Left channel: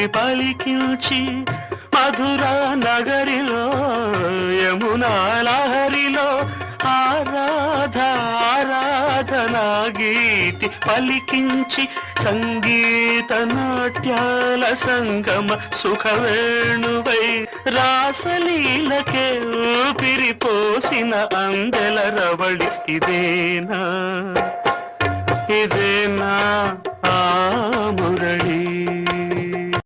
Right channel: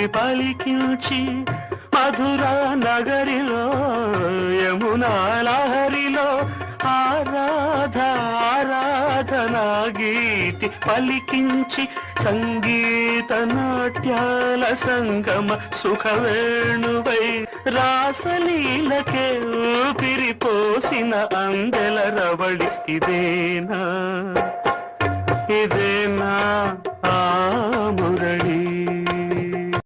గీతి పలికించి మధురా నగరిలో యమునా లహరిలో ఆరాధనా గీతి పలికించి సంగీత నాట్యాల సంగమ సుఖవేణువై రాసలీలకే ఊపిరిపోసిన అందెల రవళి ఇదేనా ఇదేనా ఆ